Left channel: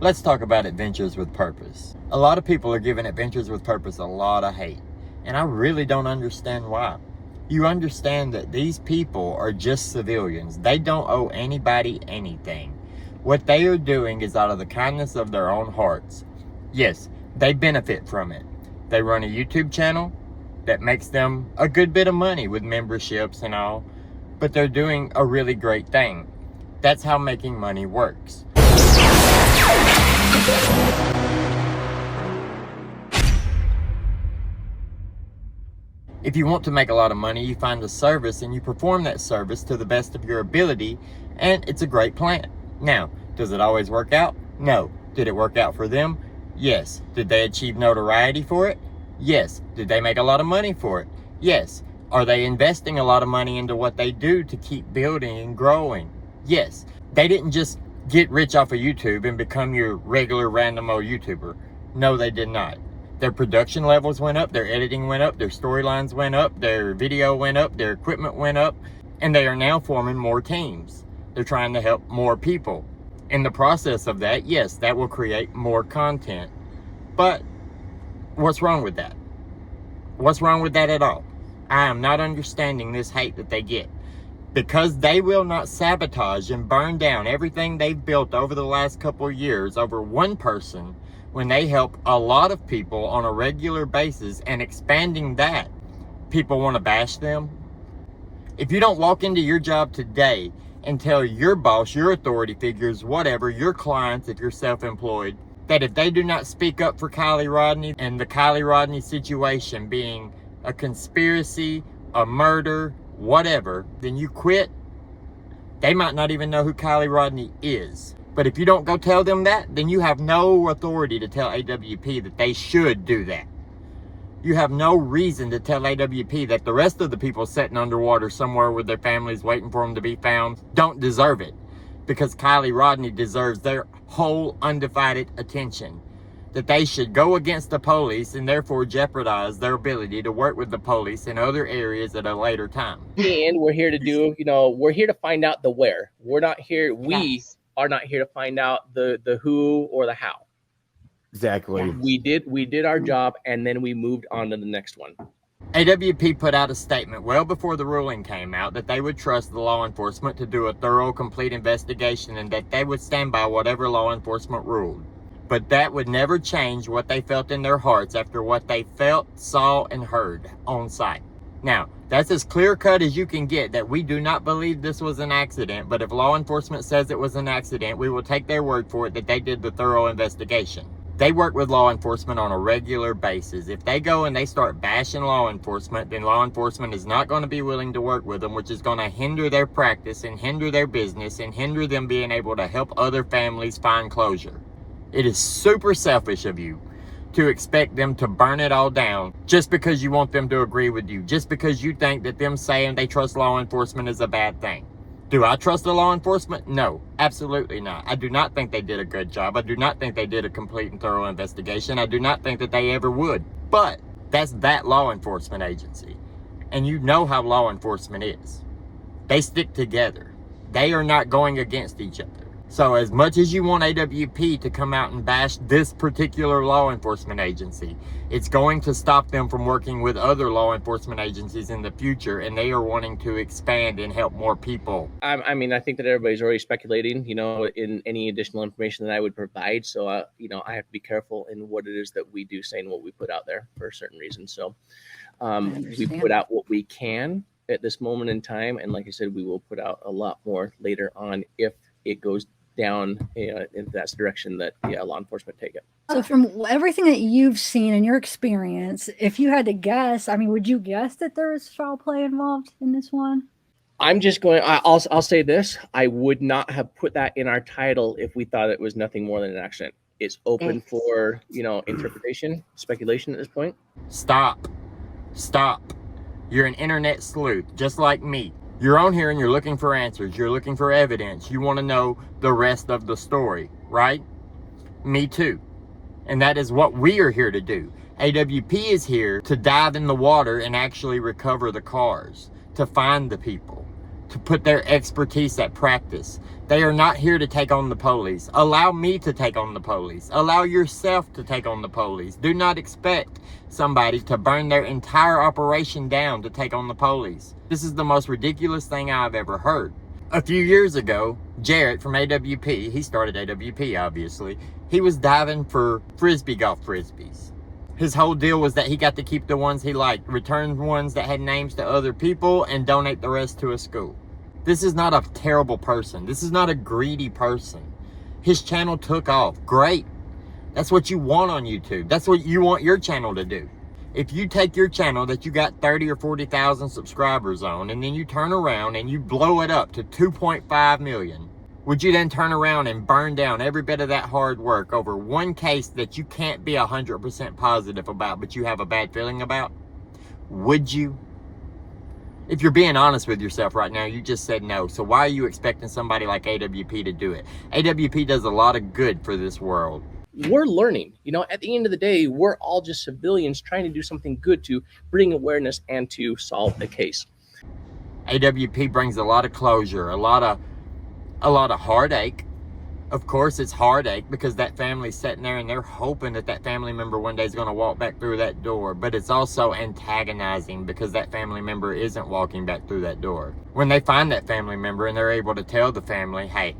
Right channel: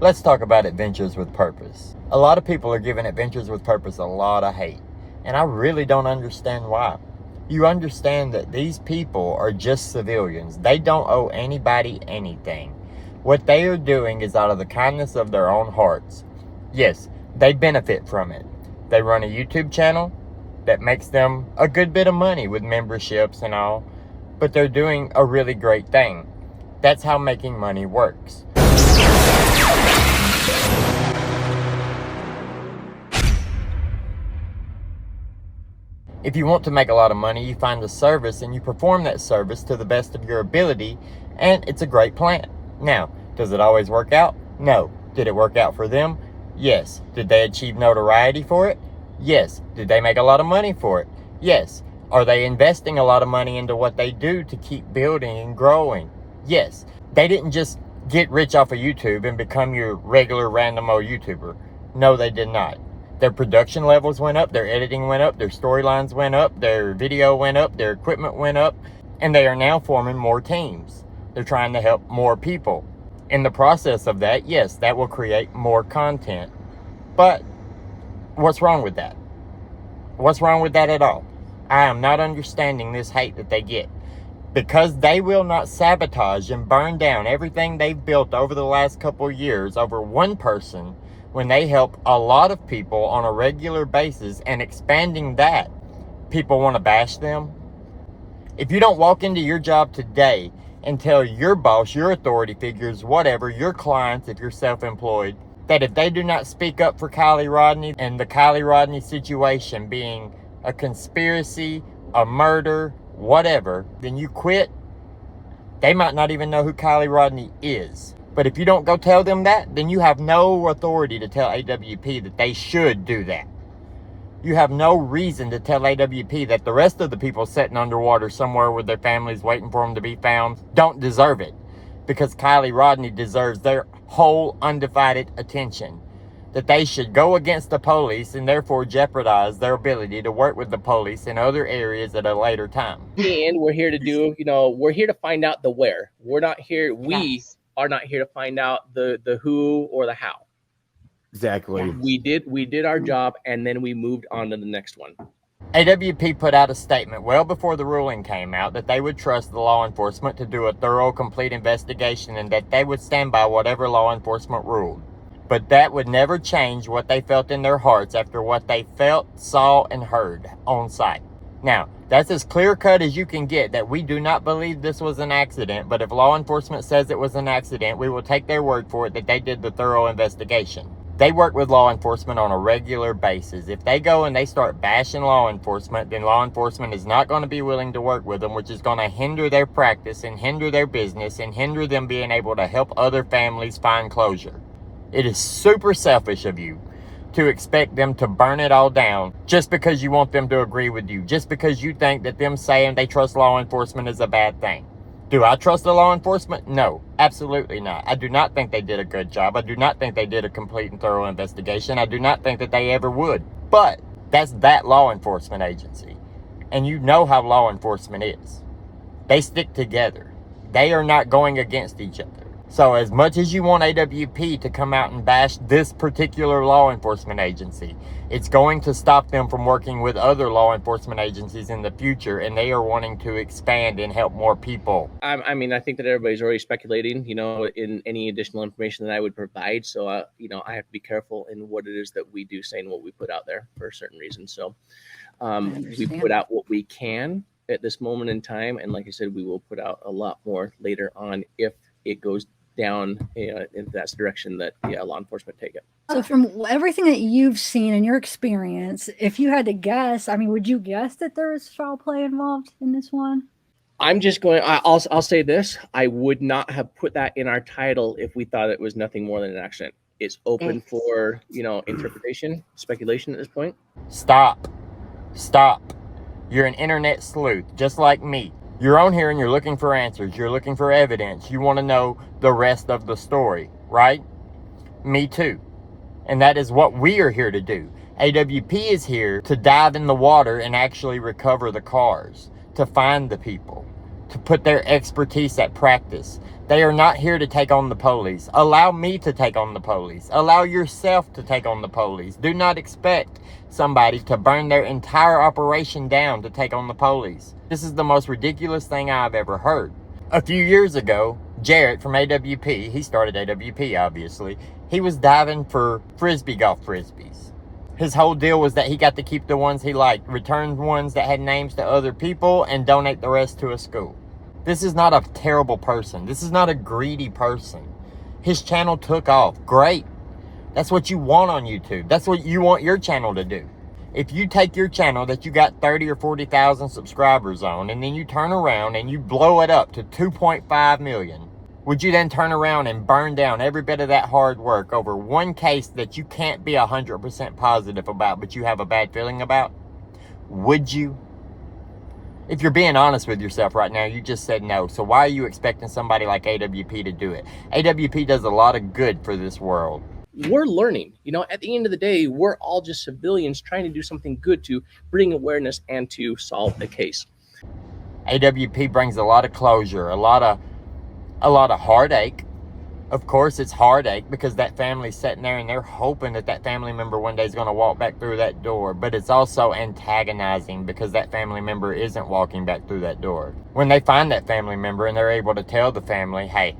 Let's talk about Adventures with Purpose. A lot of people are giving Adventures with Purpose a lot of hate, and I really don't understand why. You understand that these people are just civilians. They don't owe anybody anything. What they are doing is out of the kindness of their own hearts. Yes, they benefit from it. They run a YouTube channel that makes them a good bit of money with memberships and all, but they're doing a really great thing. That's how making money works. If you want to make a lot of money, you find a service and you perform that service to the best of your ability, and it's a great plan. Now, does it always work out? No. Did it work out for them? Yes. Did they achieve notoriety for it? Yes. Did they make a lot of money for it? Yes. Are they investing a lot of money into what they do to keep building and growing? Yes. They didn't just get rich off of YouTube and become your regular random old YouTuber. No, they did not. Their production levels went up, their editing went up, their storylines went up, their video went up, their equipment went up, and they are now forming more teams. They're trying to help more people. In the process of that, yes, that will create more content. But what's wrong with that? What's wrong with that at all? I am not understanding this hate that they get. Because they will not sabotage and burn down everything they've built over the last couple of years over one person when they help a lot of people on a regular basis and expanding that. People want to bash them. If you don't walk into your job today and tell your boss, your authority figures, whatever, your clients, if you're self-employed, that if they do not speak up for Kylie Rodney and the Kylie Rodney situation being a conspiracy, a murder, whatever, then you quit. They might not even know who Kylie Rodney is. But if you don't go tell them that, then you have no authority to tell AWP that they should do that. You have no reason to tell AWP that the rest of the people sitting underwater somewhere with their families waiting for them to be found don't deserve it. Because Kylie Rodney deserves their whole undivided attention. That they should go against the police and therefore jeopardize their ability to work with the police in other areas at a later time. And we're here to do, we're here to find out the where. We're not here, we are not here to find out the who or the how. Exactly. We did our job, and then we moved on to the next one. AWP put out a statement well before the ruling came out that they would trust the law enforcement to do a thorough, complete investigation and that they would stand by whatever law enforcement ruled. But that would never change what they felt in their hearts after what they felt, saw, and heard on site. Now, that's as clear cut as you can get that we do not believe this was an accident, but if law enforcement says it was an accident, we will take their word for it that they did the thorough investigation. They work with law enforcement on a regular basis. If they go and they start bashing law enforcement, then law enforcement is not going to be willing to work with them, which is going to hinder their practice and hinder their business and hinder them being able to help other families find closure. It is super selfish of you to expect them to burn it all down just because you want them to agree with you, just because you think that them saying they trust law enforcement is a bad thing. Do I trust the law enforcement? No, absolutely not. I do not think they did a good job. I do not think they did a complete and thorough investigation. I do not think that they ever would. But that's that law enforcement agency. And you know how law enforcement is. They stick together. They are not going against each other. So as much as you want AWP to come out and bash this particular law enforcement agency, it's going to stop them from working with other law enforcement agencies in the future, and they are wanting to expand and help more people. I mean, I think that everybody's already speculating, in any additional information that I would provide. So, I have to be careful in what it is that we do say and what we put out there for a certain reason. So we put out what we can at this moment in time. And like I said, we will put out a lot more later on if it goes down in that direction that law enforcement take it. So from everything that you've seen in your experience, if you had to guess, I mean, would you guess that there is foul play involved in this one? I'm just going, I'll say this. I would not have put that in our title if we thought it was nothing more than an accident. It's open for, interpretation, speculation at this point. Stop. You're an internet sleuth, just like me. You're on here and you're looking for answers. You're looking for evidence. You want to know the rest of the story, right? Me too. And that is what we are here to do. AWP is here to dive in the water and actually recover the cars, to find the people, to put their expertise at practice. They are not here to take on the police. Allow me to take on the police. Allow yourself to take on the police. Do not expect somebody to burn their entire operation down to take on the police. This is the most ridiculous thing I've ever heard. A few years ago, Jarrett from AWP, he started AWP obviously, he was diving for golf frisbees. His whole deal was that he got to keep the ones he liked, return ones that had names to other people, and donate the rest to a school. This is not a terrible person. This is not a greedy person. His channel took off. Great. That's what you want on YouTube. That's what you want your channel to do. If you take your channel that you got 30 or 40,000 subscribers on, and then you turn around and you blow it up to 2.5 million, would you then turn around and burn down every bit of that hard work over one case that you can't be 100% positive about, but you have a bad feeling about? Would you? If you're being honest with yourself right now, you just said no. So why are you expecting somebody like AWP to do it? AWP does a lot of good for this world. We're learning. You know, at the end of the day, we're all just civilians trying to do something good to bring awareness and to solve the case. AWP brings a lot of closure, a lot of heartache. Of course, it's heartache because that family's sitting there and they're hoping that that family member one day is going to walk back through that door. But it's also antagonizing because that family member isn't walking back through that door. When they find that family member and they're able to tell the family, hey,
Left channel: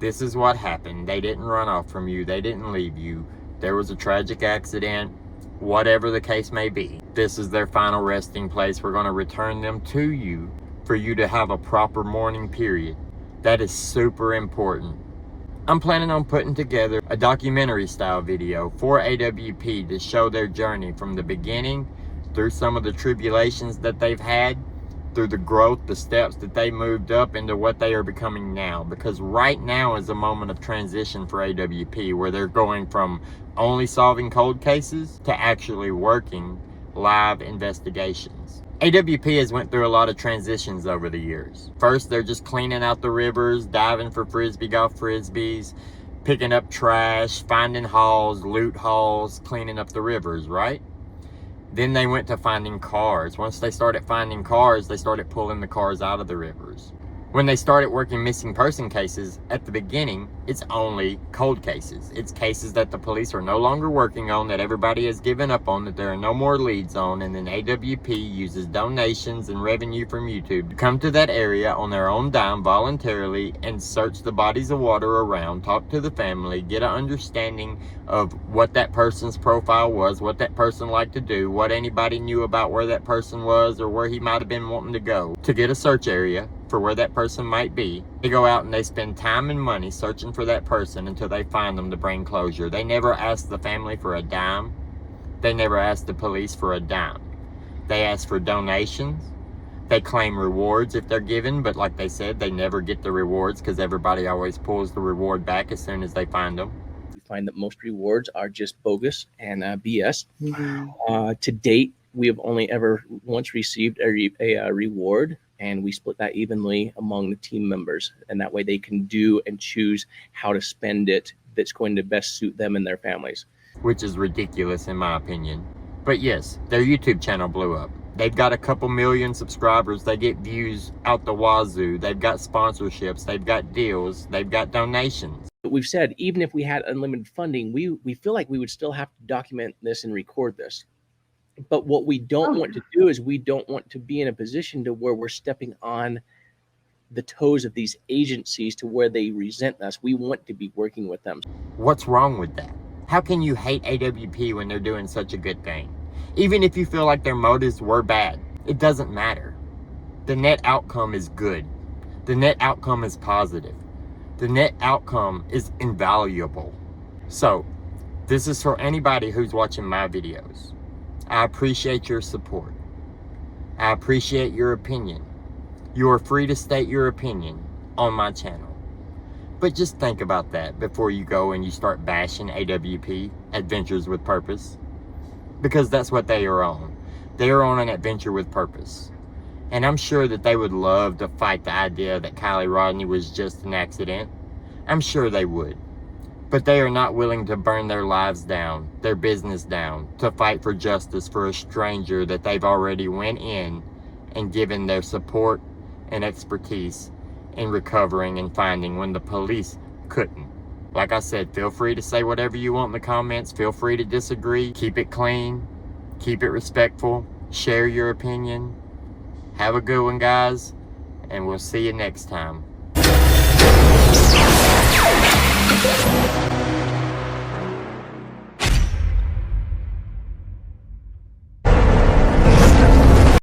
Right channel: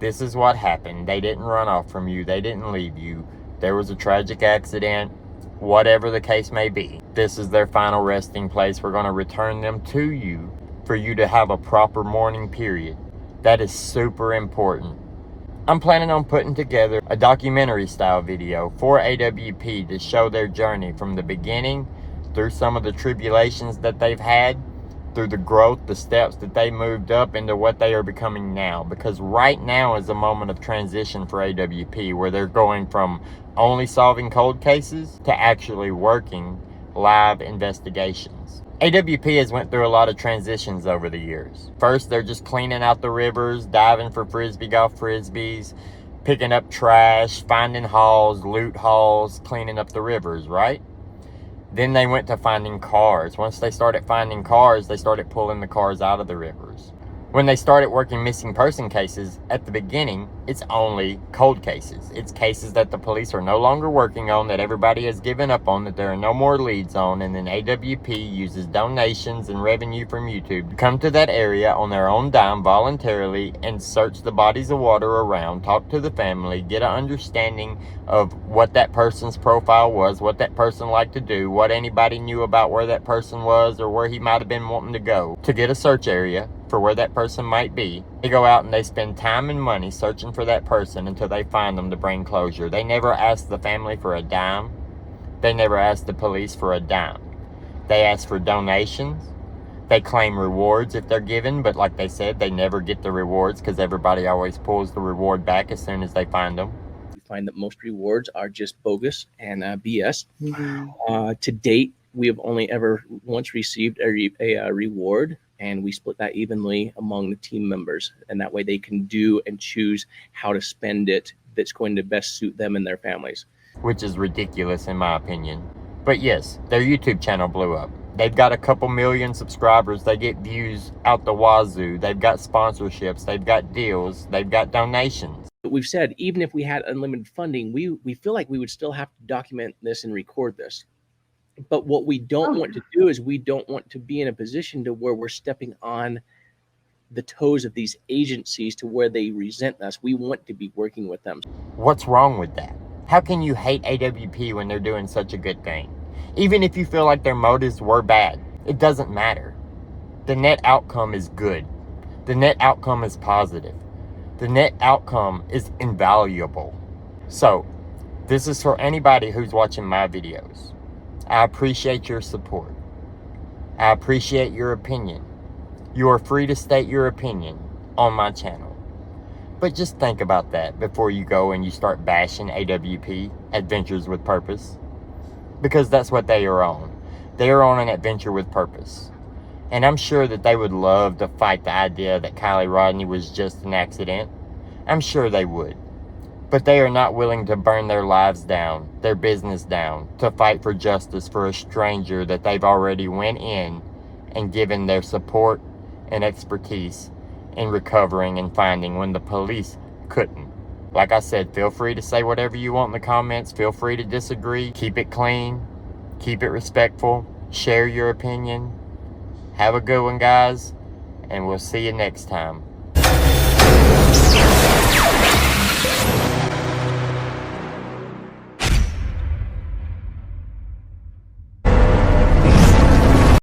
this is what happened. They didn't run off from you. They didn't leave you. There was a tragic accident, whatever the case may be. This is their final resting place. We're going to return them to you for you to have a proper mourning period. That is super important. I'm planning on putting together a documentary style video for AWP to show their journey from the beginning through some of the tribulations that they've had, through the growth, the steps that they moved up into what they are becoming now. Because right now is a moment of transition for AWP where they're going from only solving cold cases to actually working live investigations. AWP has went through a lot of transitions over the years. First, they're just cleaning out the rivers, diving for golf frisbees, picking up trash, finding hauls, loot hauls, cleaning up the rivers, right? Then they went to finding cars. Once they started finding cars, they started pulling the cars out of the rivers. When they started working missing person cases, at the beginning, it's only cold cases. It's cases that the police are no longer working on, that everybody has given up on, that there are no more leads on, and then AWP uses donations and revenue from YouTube to come to that area on their own dime voluntarily and search the bodies of water around, talk to the family, get an understanding of what that person's profile was, what that person liked to do, what anybody knew about where that person was or where he might have been wanting to go, to get a search area for where that person might be. They go out and they spend time and money searching for that person until they find them to bring closure. They never ask the family for a dime. They never ask the police for a dime. They ask for donations. They claim rewards if they're given, but like they said, they never get the rewards because everybody always pulls the reward back as soon as they find them. We find that most rewards are just bogus and BS. To date, we have only ever once received a reward, and we split that evenly among the team members. And that way they can do and choose how to spend it that's going to best suit them and their families. Which is ridiculous in my opinion. But yes, their YouTube channel blew up. They've got a couple million subscribers. They get views out the wazoo. They've got sponsorships. They've got deals. They've got donations. But we've said, even if we had unlimited funding, we feel like we would still have to document this and record this. But what we don't want to do is we don't want to be in a position to where we're stepping on the toes of these agencies to where they resent us. We want to be working with them. What's wrong with that? How can you hate AWP when they're doing such a good thing? Even if you feel like their motives were bad, it doesn't matter. The net outcome is good. The net outcome is positive. The net outcome is invaluable. So, this is for anybody who's watching my videos. I appreciate your support. I appreciate your opinion. You are free to state your opinion on my channel. But just think about that before you go and you start bashing AWP, Adventures with Purpose. Because that's what they are on. They are on an adventure with purpose. And I'm sure that they would love to fight the idea that Kylie Rodney was just an accident. I'm sure they would. But they are not willing to burn their lives down, their business down, to fight for justice for a stranger that they've already went in and given their support and expertise in recovering and finding when the police couldn't. Like I said, feel free to say whatever you want in the comments. Feel free to disagree. Keep it clean. Keep it respectful. Share your opinion. Have a good one, guys. And we'll see you next time.